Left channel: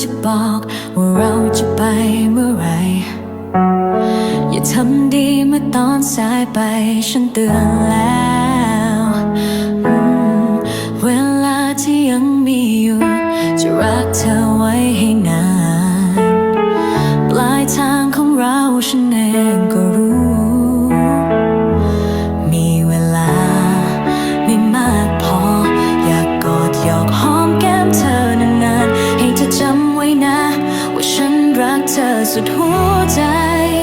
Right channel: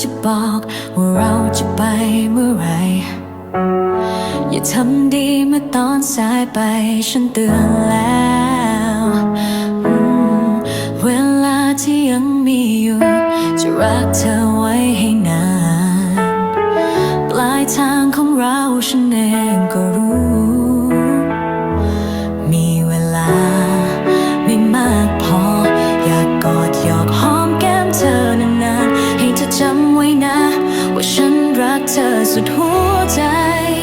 จะบอกว่าเราจะไปเมื่อไร อย่าทำดีเมื่อตอนสายไปฉันเตือนแล้วเวลาที่ยังมีอยู่ จะรักเธอไว้ให้นาน ปลายทางของเราฉันเองก็รู้ มีเวลาไม่มากพอ อยากกอดหยอกหอมแก้มเธอนาน ธอจำไว้นะ ว่าฉันรักเธอสุดหัวใจ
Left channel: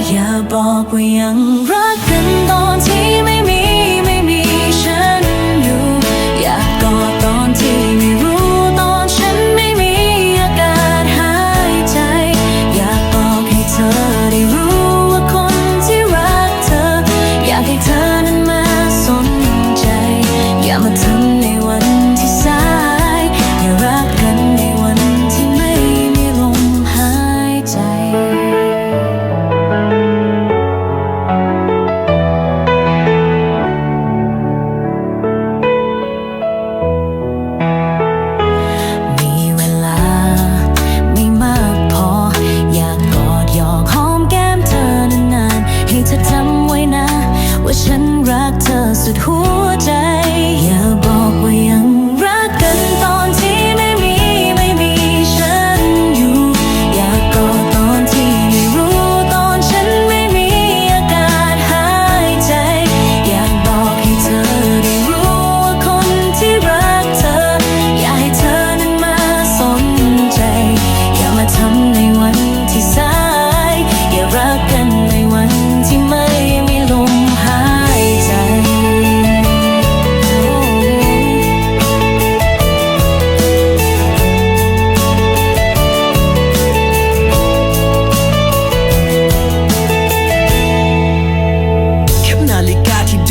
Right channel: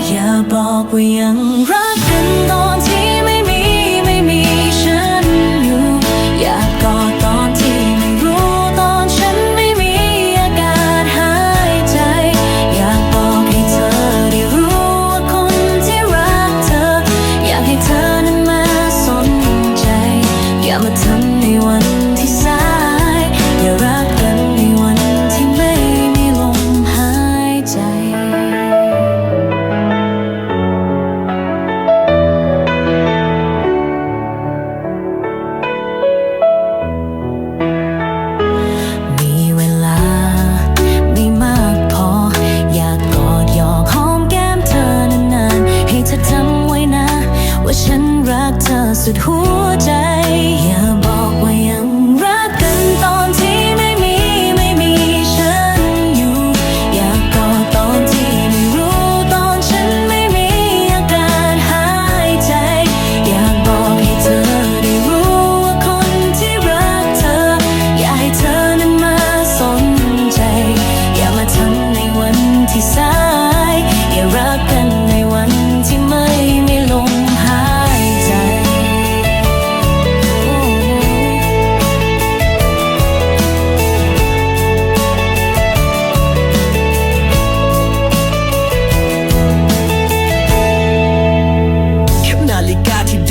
อย่าบอกว่ายังรักกันตอนที่ไม่มีไม่มีฉันอยู่ อยากกอดตอนที่ไม่รู้ตอนฉันไม่มีอากาศหายใจ อยากบอกให้เธอได้รู้ว่าคนที่รักเธอ อยากให้เธอ กเ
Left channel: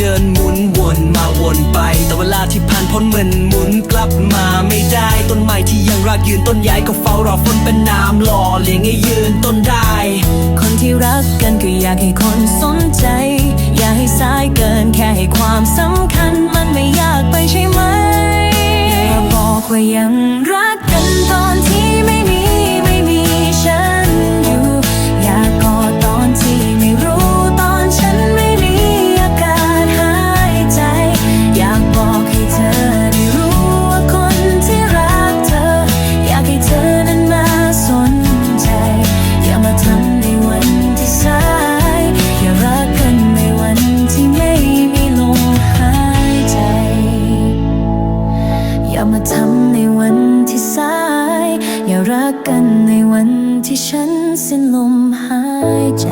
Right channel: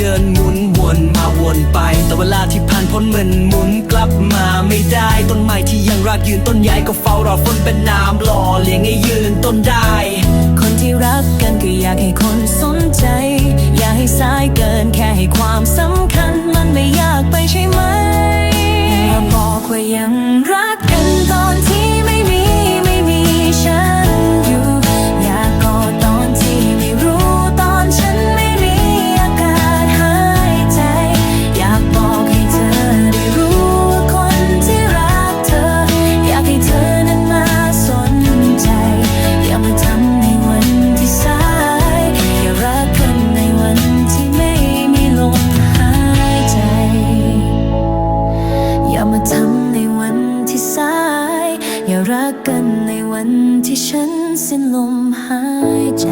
ดินหมุนวนมาวนไป แต่เวลาที่ผ่านพ้นเหมือนหมุนกลับมาไม่ได้ต้นไม้ที่ยังรากยืนต้นใหญ่ก็เฝ้ารอฝนเป็นน้ำหล่อเลี้ยงให้ยืนต้นได้ คนที่รักกันก็อยากให้คนสนใจ อย่าให้สายเกินแค่ให้ความสำคัญมันไม่ยากไปใช่ไหมอย่าบอกว่ายังรักกันตอนที่ อย่ารักกันในวันที่ไม่มีลมหายใจ อย่ามาทำในวันที่สาย อย่ารักกันในวันที่ฉันสิ้นลมหายใจ